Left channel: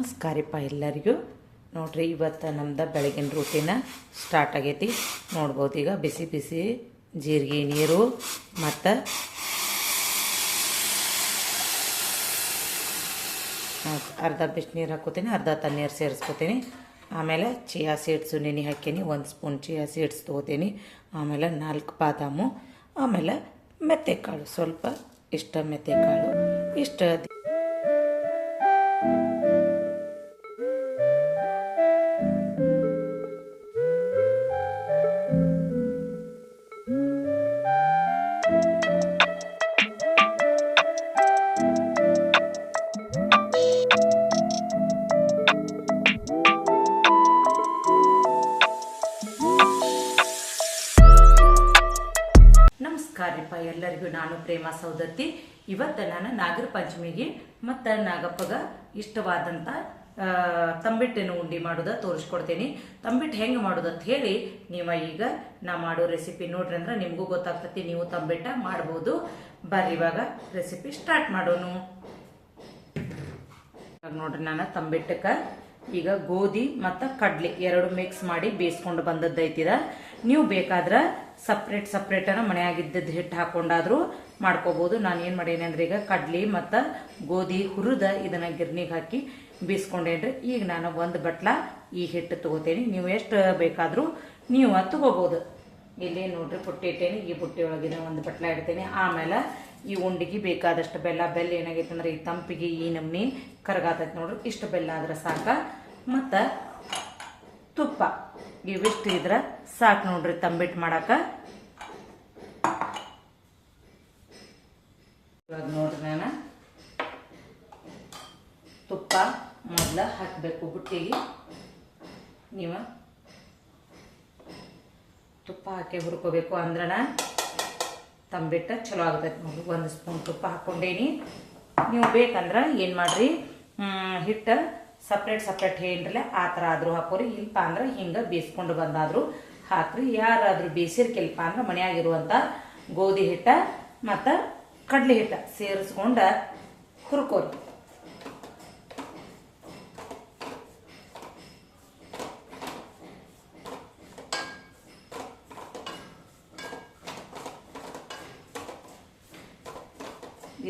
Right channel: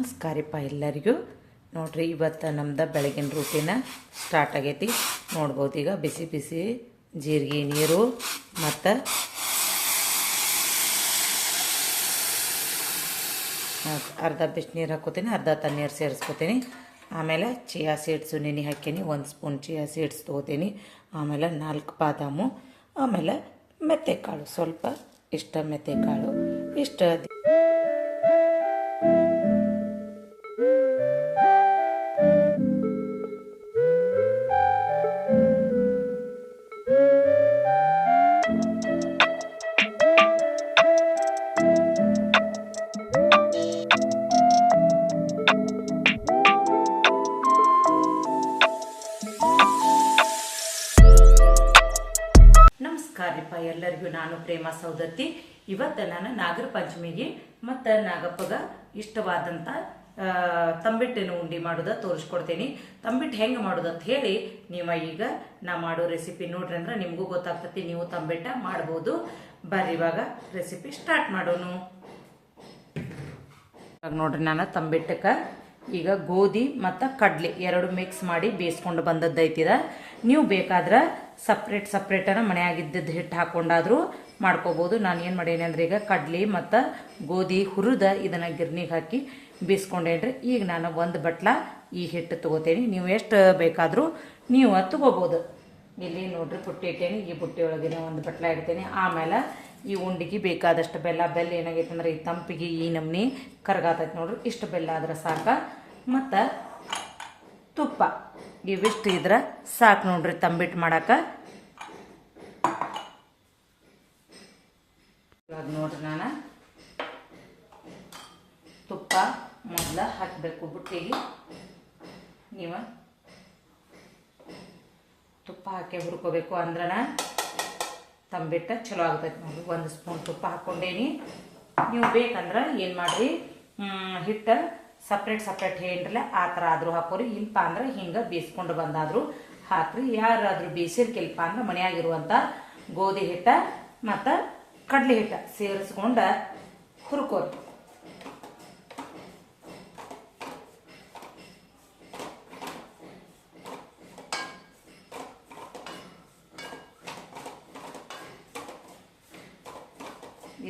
ನಮಸ್ಕಾರಪ್ಪ ಎಲ್ಲರಿಗೂ. ನೋಡ್ರಿ, ಇವತ್ತು ನಮ್ದು ಬೆಳಗಿನ ರೂಟೀನ ಸ್ಟಾರ್ಟ್ ಆಗೈತಿ. ನೋಡ್ಬೋದು, ಈಗ ಬಿಸಿ ಬಿಸಿ ಜೀರಿಗೆ ನೀರು ಮತ್ತು ಅರ್ಧ ಬಿಸಿನೀರು ಹಾಕೋತೀನಿ, ಅರ್ಧ ತಣ್ಣೀರು ಸೇರಿಸ್ಕೋತೀನಿ. ಆಮೇಲೆ ಚಿಯಾ ಸೀಡ್ಸು ನೆನೆ ಹಾಕೀನಿ, 1 ಸ್ಪೂನ್ ಚಿಯಾ ಸೀಡ್ಸ್ ತೊಗೋತೀನಿ. ಆಮೇಲೆ 4 ಬಾದಾಮು, ಆಮೇಲೆ ಮೆತ್ತೆಕಾಳು ಸ್ವಲ್ಪ, ಇಷ್ಟ ಮೆತ್ತೆಕಾಳು ಇಷ್ಟ. ನಮಸ್ಕಾರಪ್ಪ ಎಲ್ಲರಿಗೂ. ನಾನು ಪ್ರೇಮಾ ಸೌದತ್ತಿ. ಇವತ್ತು ನಾನು ನಾಗರ ಪಂಚಮಿಗೆ ಮತ್ತು ನಾಗಪ್ಪಗ ಇಷ್ಟವಾದಂಥ ತಂಬಿಟ್ಟಿನ ಉಂಡೆ ಮಾಡೋದ ತೋರಿಸ್ಕೊಡ್ತೀನಿ. ತಂಬಿಟ್ಟು ಹೆಂಗೆ ಮಾಡೋದಂತ ಹೇಳಿ ನೀವು ಈಗ ನಾ ಮಾಡೋ ರೆಸಿಪಿ ನೋಡ್ರಿ ಅಂದ್ರೆ ನಿಮಗೂ ಗೊತ್ತಾಗ್ತತಿ, ನೀವು ತಂಬಿಟ್ಟ ಮಾಡ್ಬೋದು. ಬರ್ರಿ ಇವಾಗ ರೆಸಿಪಿ ಸ್ಟಾರ್ಟ್ ಮಾಡೋಣ. ನೋಡ್ರಿ, ನಾನು ತಂಬಿಟ್ಟಕ್ಕೆ ಈಗ ಗೋಧಿ ಮತ್ತು ಕಡ್ಲೆ ಎರಡು ಮಿಕ್ಸ್ ಮಾಡಿ ಬೇಯಿಸ್ಕೊಂಡು ಬಂದದ್ದೈತಿದ. ನೀವು ಬೇಕಾದ್ರೆ ಸಪ್ರೇಟನ್ನು ಮನೆಯಾಗಿದ್ದದ್ದು ಹಿಟ್ಟು ಹಾಕೊಂಡಾದ್ರೂ ಮಾಡ್ಕೋಬೋದು. ನಾನು ಏನು ಮಾಡೇನಿ ಅಂದ್ರೆ ಈಗ ಕಡ್ಲಿ ಮತ್ತು ಗೋಧಿ ಹುರಿದ ಇದನ್ನು ಗಿರ್ನಿಗೆ ಹಾಕಿ ಬೀಸ್ಕೊಂಡೇನ್ರಿ. ಈಗ ನಾನು 1 ಬಟ್ಲ ಈ ಹಿಟ್ಟು ತಗೋತೇನೆ. ನೀವು ಎಷ್ಟು ಬೇಕಾದರೂ ನೀವು ತಗೋಬೋದು. ಇಲ್ಲಿ ನೋಡ್ರಿ, ಪುಟ್ಟಿ ಇಟ್ಟೇನಿ. ಈ ಪುಟ್ಟಿ ಒಳಗಿನ 1 ಬಟ್ಲ ಇಡ್ತೇನೆ. ಆಮೇಲೆ ಈ ಉಂಡಿಗೆ ಬೇಕಾದಷ್ಟು ಬೆಲ್ಲ ಏನಾಗೈತೆ ಅಂದ್ರೆ ಈ ತಂಪಿಗೆ ಈ ನಮ್ನಿ ಕರಗಾತೈತೆ ನೋಡ್ರಿ. ಇಷ್ಟು ಬೆಲ್ಲ ಆದ್ರೆ ಸಾಕ. ಮತ್ತು ತುಪ್ಪ ಇವಿಷ್ಟು ಇದ್ರೆ ಸಾಕು ನೋಡ್ರಿ ತಂಬಿಟ್ಟು ಮಾಡಾಕ. ಇವಾಗ ನೋಡ್ರಿ, ನಾನು ತುಪ್ಪ ಮೊದಲ ಹಾಕಬೇಕು ಬುಟ್ಟಿಗೆ. ನೀವು ತುಪ್ಪ ಹಾಕಿ ಹುರ್ಕೋಬೇಕು, ಅಂದ್ರನ ತಂಬಿಟ್ಟು ಚಲೋ ಆಗ್ತೈತೆ ನೋಡ್ರಿ. 1 ಸ್ಪೂನ್ ತುಪ್ಪ ಹಾಕ್ಕೊಂಡೇನಿ. ನೀವು ಬೇಕಂದ್ರೆ ಏನು ಮಾಡ್ರಿ, ಹಿಟ್ಟು ಸಪ್ರೇಟ್ ಏನ್ರಲ್ಲ ಆ ಥರ ಆದರೂ ಹಾಕೋರಿ. ಇಲ್ಪ ಅಂದ್ರೆ ಹಿಂಗೆ ಬೀಸ್ಕೊಂಡು ಬಂದಾದರೂ ಹಾಕ್ರಿ. ಯಾರಾದರೂ ಬೀಸಿರ್ಕಿಲ್ಪ ಅಂದ್ರೆ ಮನೆಯಾಗಿರುವಂಥ ಗೋಧಿ ಹಿಟ್ಟ ಮತ್ತು ಕಡಲೆ ಹಿಟ್ಟ ಸೇರಿಸ್ಕೊಂಡು ಹುರ್ಕೋರಿ.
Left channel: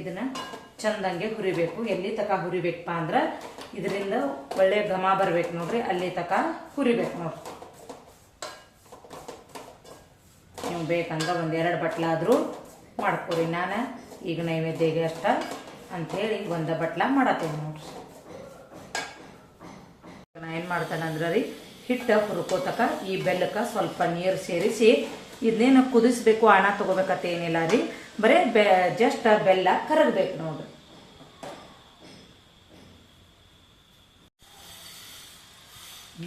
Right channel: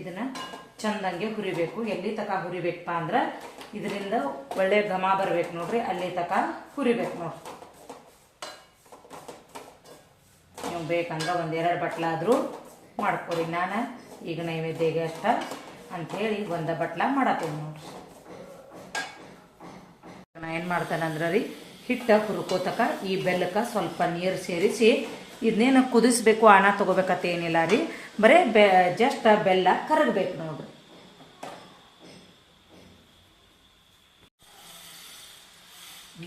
ಇದನ್ನ ಚಂದಂಗೆ ಹುರಿಬೇಕು. ಎಲ್ಲಿ ತಕ ಹುರಿಬೇಕಪ್ಪ ಅಂದ್ರೆ ಇದರಿಂದ ಒಳ್ಳೆ ಘಮ ಬರ್ಬೇಕು ನೋಡ್ರಿ, ಅಲ್ಲಿ ತಕ ಹುರಿಬೇಕು ನೋಡ್ರಿ. ನೀವು ಬೇಕಂದ್ರೆ 1-2 ಬಟ್ಲಾದರೂ ಮಾಡ್ಕೊರಿ. ನಾನು ಈಗ ನೈವೇದ್ಯಗೆ ಅಷ್ಟ ಅಂಥೇಳಿ 1 ಬಟ್ಲ ಮಾಡತ್ತೇನೆ ನೋಡ್ರಿ. ನಾ ಏನು ಮಾಡ್ತೇನೆ ಅಂದ್ರೆ ರೀ, ಹಿಟ್ಟು ಹುರ್ಕೋತಕ ಈ ಬೆಲ್ಲಕ್ಕೆ ಸ್ವಲ್ಪ ನೀರು ಸೇರಿಸಿ ಇದನ್ನೇನು ಕುದಿಸ್ಬೇಕು, ಆನ ತಗೋಬೇಕಂತ ಏನಿಲ್ಲ ರೀ. ಬರೀ ಜಸ್ಟ್ ಬೆಲ್ಲ ಕರಗಬೇಕು ನೋಡ್ರಿ.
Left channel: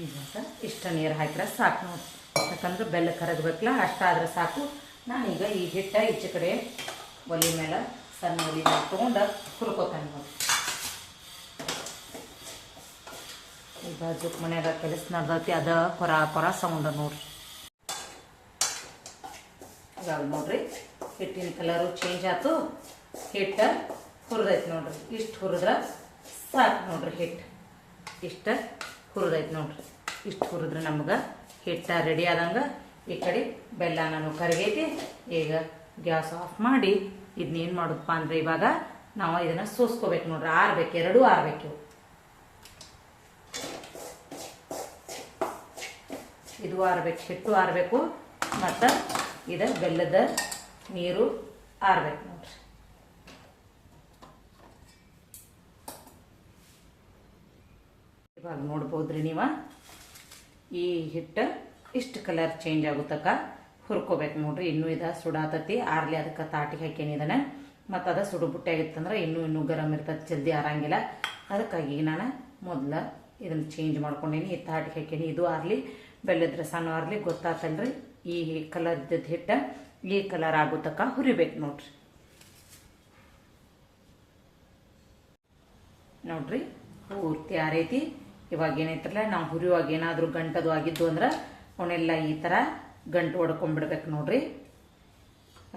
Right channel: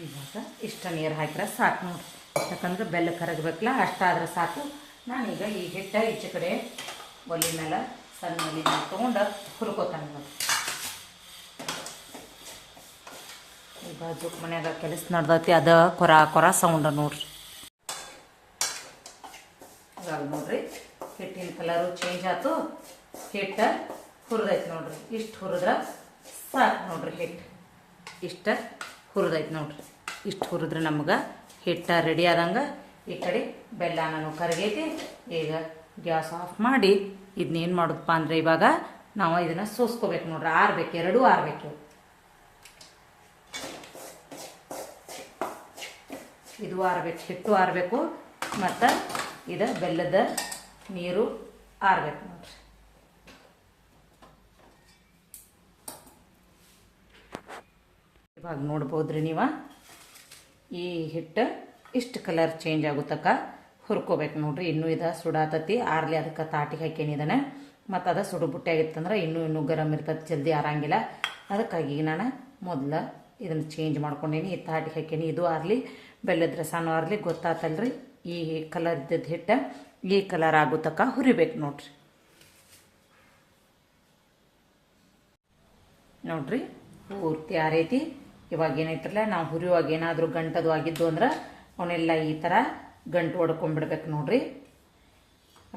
ಇವಾಗ ಇಷ್ಟ ನೀರು ಹಾಕಿದ್ರೆ ಸಾಕು ನೋಡ್ರಿ. ಯಾಕಂದ್ರೆ ಬೆಲ್ಲ ಕರಗಬೇಕಲ್ಲ, ಅಷ್ಟಾದ್ರೆ ಸಾಕು. ನಾನೀಗ ಈ ಹಿಟ್ಟ ಈಚೆ ಕಡೆ ಒಲಿ ಮೇಲೆ ಸಣ್ಣ ಒಲಿ ಮೇಲೆ ತೊಗೊಂಡು ಹುರ್ಕೋತಾನೆ ನೋಡ್ರಿ. ಈ ಬಾಜು ಮನ್ಯಾಗ ಕೆಲಸ ನಡ್ದೈತಿ, ಅದ ಕೊರ ಸೌಂಡ ನೋಡ್ರಿ. ಇವಾಗ ನೋಡ್ರಿ, ಹಿಟ್ಟಿನ ಕಲರು ಚೇಂಜ್ ಆಯ್ತು, ಹಿಟ್ಟು ಹುರಿದೈತಿ ನೋಡ್ರಿ. ಇಷ್ಟು ಹುರಿದ್ರೆ ಸಾಕು ನೋಡ್ರಿ. ಹಿಟ್ಟು ಇಷ್ಟ ಹುರಿದೈತಿ ನೋಡ್ರಿ. ಇಷ್ಟು ಹುರಿದ್ರೆ ನಮ್ಗೆ ಹಿಟ್ಟ ರೆಡಿ ಆದಂಗೆ. ಈ ಕಡೆ ಬೆಲ್ಲ ನಾನು ಕರಗೈತಿ. ಈಗ ಗ್ಯಾಸ್ ಆಫ್ ಮಾಡಿ ಇದನ್ನೇನು ಮಾಡೋದಪ್ಪ ಅಂದ್ರೆ ಇವಾಗ ನಾವು ಇದನ್ನ ಸೋಸ್ಕೋಬೇಕು ನೋಡ್ರಿ. ಆರ್ಬೇಕು, ಎರಡೂ ಆರ್ಬೇಕು. ಇದು ಆರ್ಬೇಕು, ಹಿಟ್ಟು ಆರ್ಬೇಕು, ಮತ್ತು ಇದು ಬೆಲ್ಲದ ನೀರು ಆರ್ಬೇಕು ನೋಡ್ರಿ. ಇವಾಗ ನೋಡ್ಬೋದ್ರಿ ನೀವು, ಈ ಹಿಟ್ಟು ಇಷ್ಟು ಕಲರ್ ಚೇಂಜ್ ಆಗುತ್ತಕ್ಕ ಹುರ್ಕೋಬೇಕು ನೋಡ್ರಿ. ಇನ್ನೂ ಇದು ಸುಡಾತತಿ, ಆರ್ಲಿ ಅದಕ್ಕೆ ತಾಟಿಗೆ ಹಾಕೇನಿ ಇದನ್ನ. ಮತ್ತು ಅದು ಸುಡು ಬುಟ್ಟಿ ಆಗಿತ್ತಂದ್ರೆ ಇನ್ನೂ ಗರಂ ಇರ್ತದೆ, ಜಲ್ದಿ ಆರಂಗಿಲ್ಲ. ಅದಕ್ಕಾಗಿ ನಾನು ಮೊದಲು ಇದನ್ನು ಚೇಂಜ್ ಮಾಡ್ಕೊಂಡೇನಿ. ಈ ತಾಟಿಗೆ ಹಾಕೇನಿ. ಇದು ಆರ್ಲಿ, ಬೆಲ್ಲದ ರಸನೂ ಆರ್ಲಿ. ಗೊತ್ತಾತಲ್ರಿ, ಈ ಕಲರ್ ಇದ್ದದ್ದು ಹಿಟ್ಟು ಈ ಕಲರ್ ಆಗುತ್ತಕ್ಕ ಹುರಿಬೇಕು ನೋಡ್ರಿ. ನೋಡ್ರಿ, ಪೂರ್ತಿ ಆರೈತಿ. ಇವಾಗ ಏನೈತ್ರಲ್ಲ, ನಾವು ಹುರಿಯುವಾಗ ಏನಾದರೂ ಗಂಟದು ಆಗಿದ್ದು ಅಂದ್ರೆ ಅವನ್ನೆಲ್ಲ ಈ ಥರ ಗಂಟು ಹೊಡ್ಕೊಂಡ್ಬಿಡ್ಬೇಕು ನೋಡ್ರಿ.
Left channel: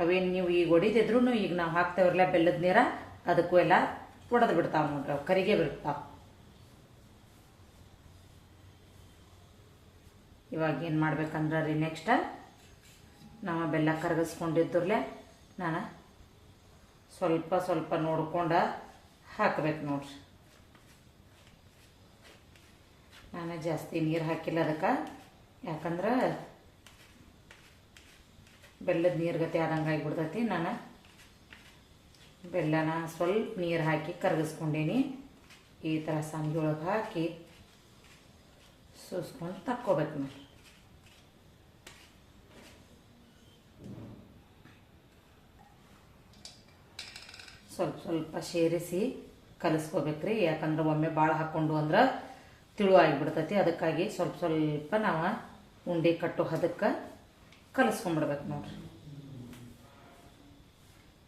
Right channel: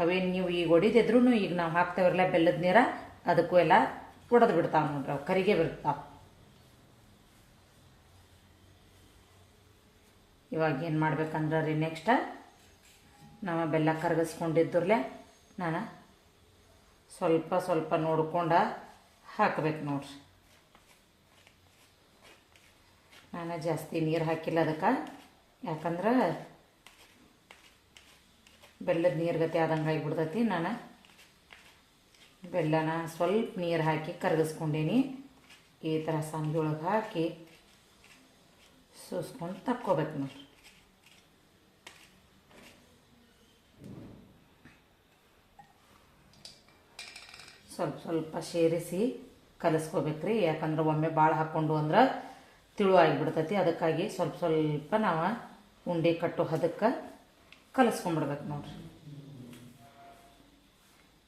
ಅವೇನು ನೀವು ಈಗ ಹೊಡಿದಿದ್ರು ಈಗ ನಾವು ಹಾಕ್ತೇವ್ರಲ್ಲ ಬೆಲ್ಲದ ನೀರ, ಅದಕ್ಕೂ ಎಲ್ಲ ಒಡೆದು ಬಿಡ್ತಾವೆ ನೋಡ್ರಿ, ಅವು ಕರಿಗೆ ಬಿಡ್ತಾವೆ. ಇವಾಗ ಏನು ಮಾಡ್ಬೇಕಂದ್ರೆ ರೀ ನೆಕ್ಸ್ಟ್ ನಾವು ಬೆಲ್ಲ ಕರಗಿಸ್ಕೊಂಡಿದ್ರಲ್ಲೇ ನಾನು ಸ್ವಲ್ಪ ಸ್ವಲ್ಪ ನೋಡ್ಕೊಂಡು ಹಾಕ್ಬೇಕು ನೋಡ್ರಿ. ನಾನು ಜಾಸ್ತಿ ನೀರು ಹಾಕಿಲ್ಲ ಅದಕ್ಕೆ, ಯಾಕಂದ್ರೆ ಬೆಲ್ಲದ ನೀರು ಗತಿ ಆದಂಗೆ ಆಗಿಬಿಡ್ತೈತಿ. ನಾನು ಬೆಲ್ಲನ ಸ್ವಲ್ಪ ನೀರು ಹಾಕಿ ಕರಗಿಸ್ಕೊಂಡೀನಿ. ಈ ಥರ ಸಂಗಿ ಒಳಗೆ ಹಾಕಿ ಸೋಸ್ಕೊಂಡು ತಕ್ಕೋಬೇಕು ನೋಡ್ರಿ. ಸ್ವಲ್ಪ ಸ್ವಲ್ಪ ಸೇರಿಸಿ ಕಲಿಸ್ಕೋಬೇಕ್ರಿ, ಯಾಕಂದ್ರೆ ಒಮ್ಮೆ ಭಾಳ ಹಾಕ್ಕೊಂಡು ಅಂದ್ರೆ ತಿಳು ಆಗಿಬಿಡ್ತೈತಿ. ಅದಕ್ಕಾಗಿ ಸ್ವಲ್ಪ ಸ್ವಲ್ಪ ನಾವು ಉಂಡೆ ಕಟ್ಟೋ ಹದಕ್ಕೆ ಕಲಿಸ್ಕೊಂಡ್ಬಿಡ್ಬೇಕು ನೋಡ್ರಿ.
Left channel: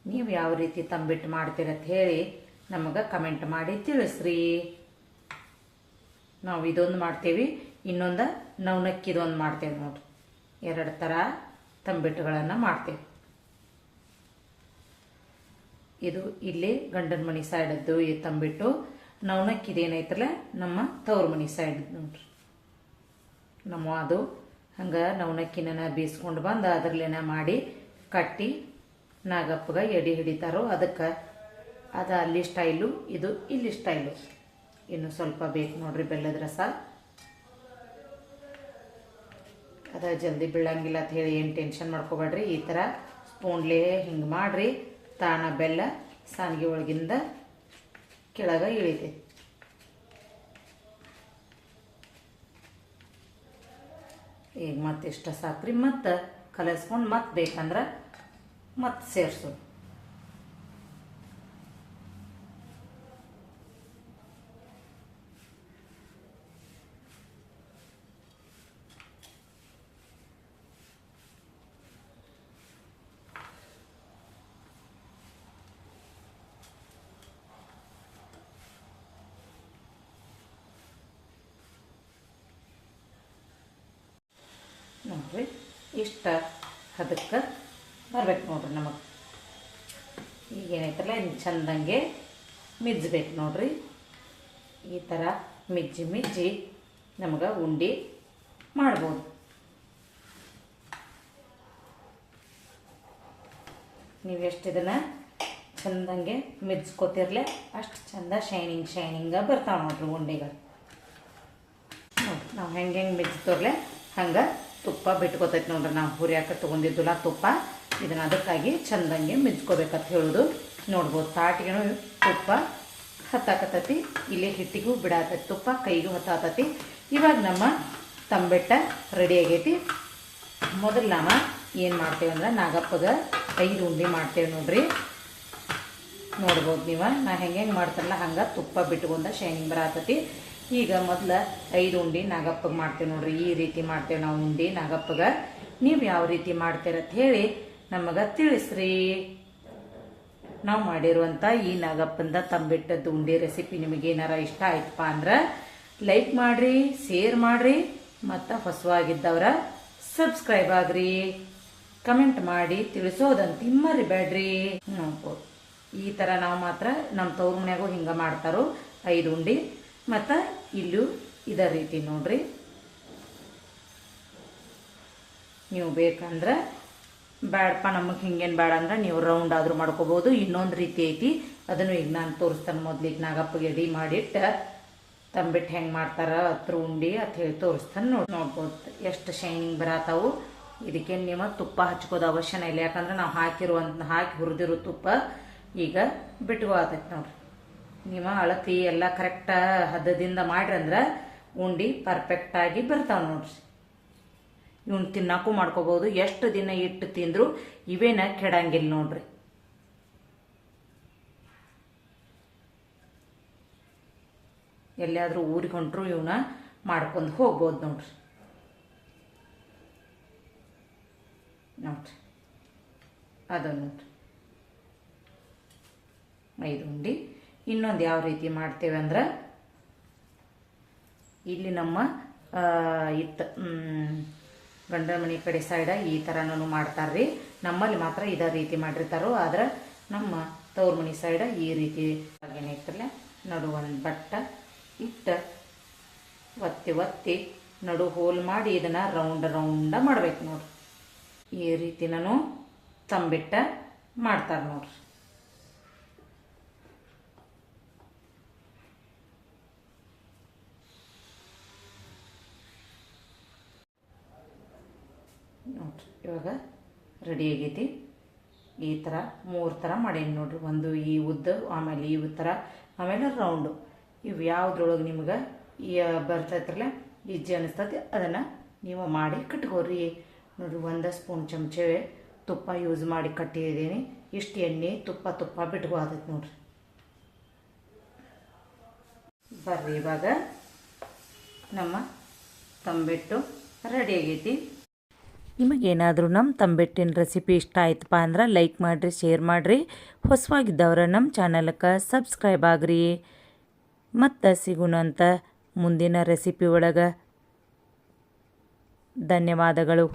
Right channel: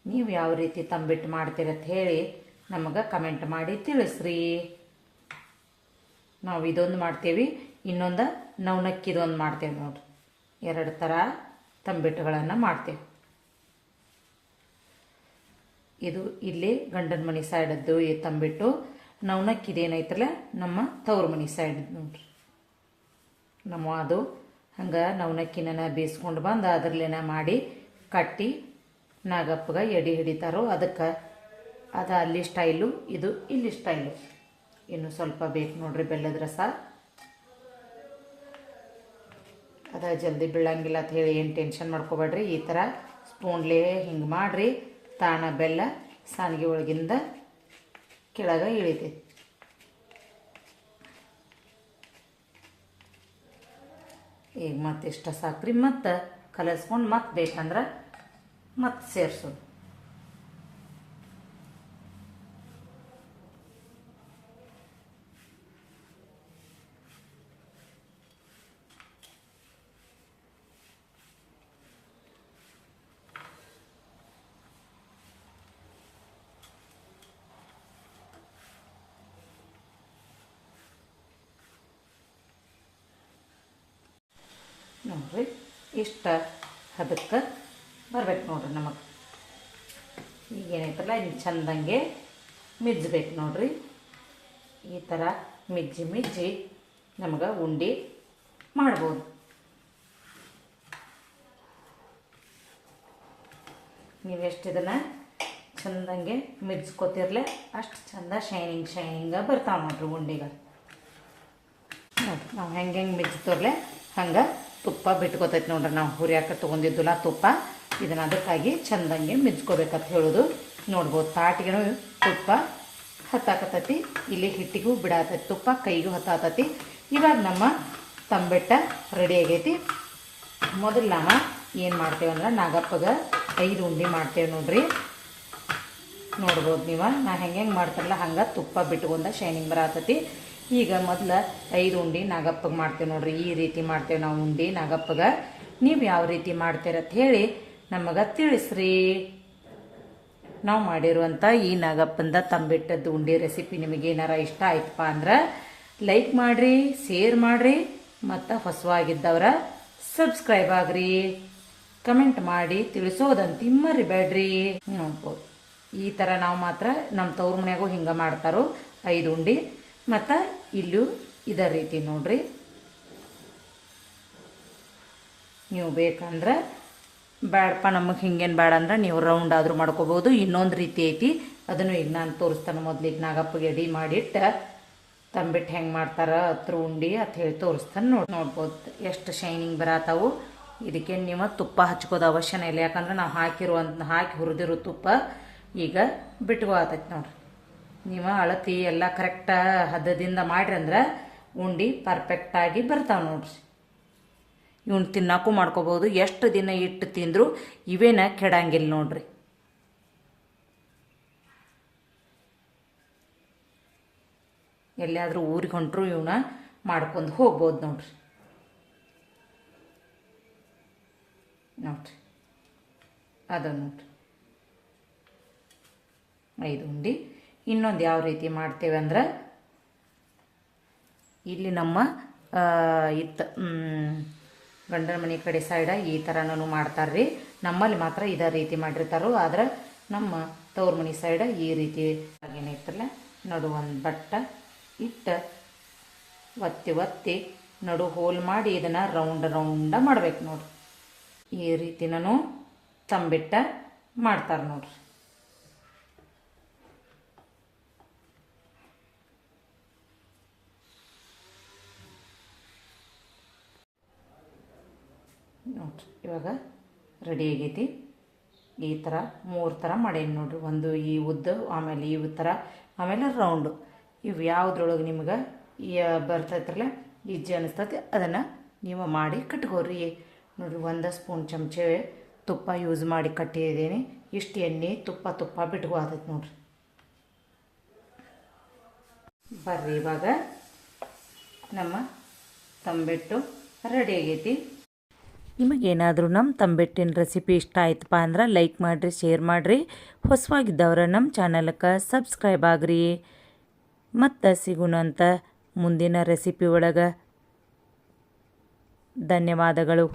ನೀವು ಯಾವ ರೀತಿ ತಂಬಿಟ್ಟು ಮಾಡ್ತೀರಂತ ಹೇಳಿ ನಮಗೆ ಕಮೆಂಟ್ ಮಾಡಿ ತಿಳಿಸ್ರಿ. ನಾವು ಇದೊಂದು ಮಾಡ್ತೇವೆ, ಇನ್ನೊಂದು ನವನಕ್ಕಿದೊಂದು ಮಾಡ್ತೇವೆ ನೋಡ್ರಿ. 2 ಥರ ತಂಬಿಟ್ಟುಗಳನ್ನು ಮಾಡ್ತೇವೆ. ಇದು ಇಲ್ಲಿ ಗಂಡನ ಮನೆ ಸೈಡದ್ದು ಈ ತಂಬಿಟ್ಟು. ನವನಕ್ಕಿದೇನೈತಲ್ಲ ನಮ್ಮ ತವ್ರ ಮನೆ ಸೈಡ್ ನೋಡ್ರಿ. ನಮ್ಮ ಅದು ಹಂಗೆ ನವನಕ್ಕಿನ ಬೇಯಿಸ್ಕೊಂಡು ಬಂದು ಅದರಲ್ಲೇನ ಮಾಡಿ ಕಟ್ಟಿ ನಾಗಪ್ಪಗೆ ಎಡೆ ಹಿಡಿತಾರೋ ಅದಕ್ಕೆ. ಅದು ಅಲ್ಲಿ ಸ್ಟೈಲು, ಇದು ಇಲ್ಲಿ ಸ್ಟೈಲು. ಇನ್ನು ಸ್ವಲ್ಪ ಬೇಕು ನೋಡ್ರಿ ಬೆಲ್ಲದ ರಸ. ಅದ ಜಲ್ದಿ ಬೀಳಂಗಿಲ್ಲ ಅಂತ ಹೇಳಿ ಏನು ಟೆನ್ಷನ್ ಮಾಡ್ಕೋಬೇಡ್ರಿ. ಈ ಥರ ಸ್ಪೂನ್ಲೇ ಹಿಂಗೆ ಮಾಡಿರಿ, ತಾಣ ಬೆಲ್ಲ ಸಾನಿಗೆ ಒಳಗಿಂದ ಕೆಳಗೆ ಇಳಿತೈತಿ. ಈಗ ಮತ್ತೆ ಇಷ್ಟ ಸಾಕ್ರಿ. ಮತ್ತು ಕಲಸ್ಕೊಂಡು ಮತ್ತೆ ಬೇಕಂದ್ರೆ ಮತ್ತೆ ಸೇರಿಸೋದು. ನೋಡ್ರಿ ಇಷ್ಟ ಅದಕ್ಕೆ ಬರ್ಬೇಕು ನೋಡ್ರಿ. ನಮಗೆ ಈಗೇನೈತಲ್ಲ ಇನ್ನು ಚಂದಂಗೆ ಮಿಜ್ಬೇಕು ನೋಡ್ರಿ. ಈ ಥರ ಮಿಜ್ಜಿ ನಮಗೆ ಉಂಡೆ ಮಾಡ್ಬೋದು. ನೀವೆಷ್ಟು ಇದನ್ನು ಚಂದಂಗೆ ಮಿಜ್ಕೋತಿರ್ಲೆ ಅಷ್ಟು ಚಂದ ಶೈನಿಂಗ ಬರ್ತಾವೆ ನೋಡ್ರಿ ಉಂಡೆಗಳು. ನೋಡ್ರಿ ನಾವು ಹೆಂಗೆ ಮಿಜ್ತೋರ್ಲೆ ಹಂಗೆ ತುಪ್ಪ ಬಿಟ್ಕೋತೈತಿ ನೋಡ್ರಿ. ನಾವು ಹುರಿಯಾಕ ತೊಗೊಂಡಿದ್ದಿಲ್ಲ ತುಪ್ಪ, ಇದನ್ನು ಅದಕ್ಕಾಗಿ ಚಂದಂಗೆ ಮಿಜ್ಕೋಬೇಕಂತ ಹೇಳೋದು. ನೋಡ್ಬೋದು ತಾಟಿಗೂ ತುಪ್ಪ ಹತ್ತಾಕತ್ತೈತಿ, ಇಲ್ಲಿ ಹಿಟ್ಟಿಗೂ ಬಿಡಾತೈತಿ ತುಪ್ಪ, ಕೈಗೂ ಹತ್ತಾತೈತಿ. ಇವಾಗ ನಮ್ಮ ತಂಬೆಟ್ಟ ರೆಡಿ ಆಗೈತಿ. ಮೊದಲು ನಾವು ಏನು ಮಾಡ್ತೇವೆ ಅಂದ್ರೆ ನಾಗಪ್ಪಗೆ 5 ಉಂಡೆ ಮಾಡ್ತೇವೆ ನೋಡ್ರಿ. ನೋಡ್ಬೋದು ನೀವು ನಾ ಹೆಂಗೆ ಮಾಡ್ತಾರಲ್ಲ ಹಂಗೆ ತುಪ್ಪ ಬಿಟ್ಕೊಂಡ ಶೈನಿಂಗ್ ಬರತೈತಿ. ಈಗ ಮೊದಲು 5 ಉಂಡೆ ನಾಗಪ್ಪಗೆ ಮಾಡ್ತೇವೆ ನೋಡ್ರಿ. ಈ ರೀತಿ ಮಾಡ್ತೇವೆ ನಾವು ಉಂಡೆ ನಾಗಪ್ಪಗೆ. ನೀವು ಯಾವ ರೀತಿ ಮಾಡ್ತೀರಂತ ಹೇಳಿ ನಮಗೆ ತಿಳಿಸ್ರಿ. ನಾವು ಮಾಡಿರುವಂಥ ಈ ನಾಗಪ್ಪಂದ ತಂಬಿಟ್ಟದ್ದು ಉಂಡೆ ರೆಸಿಪಿ ನಿಮಗೇನಾರ ಇಷ್ಟ ಆಯ್ತಪ್ಪ ಅಂದ್ರೆ ಲೈಕ್ ಮಾಡಿರಿ, ಶೇರ್ ಮಾಡಿರಿ, ಮತ್ತು ಹೊಸವಾಗಿದ್ದವರ ಸಬ್ಸ್ಕ್ರೈಬ್ ಆಗ್ರಿ. ಕಮೆಂಟ್ ಮಾಡಿ ತಿಳಿಸೋದಂತ ಮರಿಬೇಡ್ರಿ. ನೋಡ್ಬೋದು ಈ ಥರ ನಾವು ಮಾತ್ರ ನಮ್ಮ ತವ್ರ ಮನ್ಯಾಗೂ ಹಿಂಗೆ ಮಾಡ್ತಾರೋ 5 ಉಂಡೆ. ಮತ್ತು ಇಲ್ಲೂ ಇದೇ ರೀತಿ ನೋಡ್ರಿ. ನೀವು ಬೇಕಂದ್ರೆ ಬ್ಯಾಡಪ್ಪ ನಮಗೆ ಹಿಂಗೇನು ಬೇಡ ಅಂದ್ರೆ ನೀವು ರೌಂಡ್ ಆದರೂ ಮಾಡ್ಕೋಬೋದು. ಇನ್ನೊಂದು ರೀತಿ ಐತಿ, ಅದನ್ನು ಈಗ ನಾನು ತೋರಿಸ್ತಾನೆ. ಮೊದಲಿಗೆ ನಾಗಪ್ಪಗೆ ಎಡಿ ಮಾಡಿಟ್ಟು ತಂಬಿಟ್ಟು ಹೆಂಗೆ ಮಾಡ್ತಾರ ಹತ್ರ ಉಂಡೆ ಅಂತ ಹೇಳಿ ತೋರಿಸ್ತಾನೆ. ನೋಡ್ಬೋದು ಎಷ್ಟು ಶೈನಿಂಗ್ ಬರತ್ತಾವು. ಇದಕ್ಕೆ ನೀವು ತುಪ್ಪ ಹಚ್ಕೋದು ಅವಶ್ಯನೇ ಇಲ್ಲ, ಯಾಕಂದ್ರೆ ನಾವು ಹಾಕಿ ಹುರಿದಿರೋ ತುಪ್ಪ ಈಗ ಬಿಟ್ಕೋತೈತಿ ನೋಡ್ರಿ. ನೀವು ಅಳತಿ ಎಲ್ಲ ಕರೆಕ್ಟ ಹದದಿಂದ ಮಾಡ್ರಿ ಅಂದ್ರೆ ಉಂಡೆ ಪರ್ಫೆಕ್ಟಾಗಿ ಬರ್ತಾವೆ ನೋಡ್ರಿ. ಇವನ್ ತಿನ್ನಾಕು ಮಾಡ್ಕೋಬೋದು. ಎಷ್ಟು ದಿನ ಇಟ್ಟು ತಿಂದ್ರು ಇವೇನ ಕೆಡಂಗಿಲ್ಲ ನೋಡ್ರಿ. ಎಲ್ಲಿಯಾದ್ರೂ ಊರಿಗೆ ಹೊಂಟ್ರು ಇವನ್ನ ಮಾಡ್ಕೊಂಡು ಹೋಗ್ಬೋದು ನೋಡ್ರಿ. ನೋಡ್ರಿ ಅದು ನೋಡ್ರಿ 5 ಉಂಡೆ. ಇನ್ನೊಂದು ಯಾವ ರೀತಿ ಮಾಡ್ತೇವೆ ಅಂದ್ರೆ ಇಲ್ಲಿ ನಮ್ಮ ಗಂಡನ ಮನೆ ಕಡೆ ಸೈಡ ಈ ಥರನೂ ಮಾಡ್ತಾರ್ರಿ. ನಮ್ಮಲ್ಲಿ ಮಾತ್ರ ಇದೇ ರೀತಿ ಮಾಡಿರ್ತಾರೋ, ಆದ್ರೆ ನಮ್ಮ ತವ್ರ ಮನೆ ಸೈಡ ಈ ರೀತಿ ಏನೈತಲ್ಲ ನಡು ಒಂದು ಬಟ್ಟ ಇಟ್ಟು ಒತ್ತಿ ನಡು ಹೋಲ್ ಮಾಡಿ ಇದನ್ನು ರೌಂಡ ಮಾಡ್ಬೇಕು ನೋಡ್ರಿ. ಈ ರೀತಿ ನಾನು ತಂಬಿಟ್ಟ ಮಾಡ್ತಾರೆ ನೋಡ್ರಿ. ನೋಡ್ರಿ ಇವಾಗ ರೆಡಿ ಆಗೈತಿ. ಈ ಥರ 3 ಥರ ಮಾಡೇನಿ ನೋಡ್ರಿ. ಒಂದು ಈ ಉದ್ದ, ಆಮೇಲೆ ಈ ಥರ, ಆಮೇಲೆ ರೌಂಡು. ಇವು ಯಾವುದ್ರೊಳಗೆ ನಿಮ್ಗೆ ಬರ್ತೈತ್ರಲ್ಲ ಈಜಿ ಅನಿಸ್ತೈತಿ ಅದನ್ನು ನೀವು ಮಾಡಿ ಕಟ್ಕೋರಿ. ನೋಡ್ರಿ 1 ಸ್ಪೂನ್ ಚಮಚೆ ತುಪ್ಪ ಯೂಸ್ ಮಾಡಿ ಕಟ್ಟಿದ್ದೀನಿ. ಇಷ್ಟು ಎಣ್ಣೆ ತುಪ್ಪ ಬಿಟ್ಕೋತೈತಿ ನೋಡ್ರಿ. ಬರ್ರಿ ಇವಾಗ ನಮ್ಮ ತಂಬಿಟ್ಟು ರೆಡಿ ಆಗೈತಿ. ನಿಮಗೇನಾದರೂ ನಮ್ಮ ತಂಬಿಟ್ಟಿನ ರೆಸಿಪಿ ಇಷ್ಟ ಆಯ್ತಪ್ಪ ಅಂದ್ರೆ ಲೈಕ್ ಮಾಡಿರಿ, ಶೇರ್ ಮಾಡಿರಿ. ಹೊಸವಾಗಿದ್ದವ್ರ ನಮ್ಮ ಚಾನಲ್ಗೆ ಸಬ್ಸ್ಕ್ರೈಬ್ ಆಗ್ರಿ. ಮತ್ತು ಸಿಗೋಣಂತ ಮುಂದಿನ ರೆಸಿಪಿ ಒಳಗೆ. ಧನ್ಯವಾದಗಳು.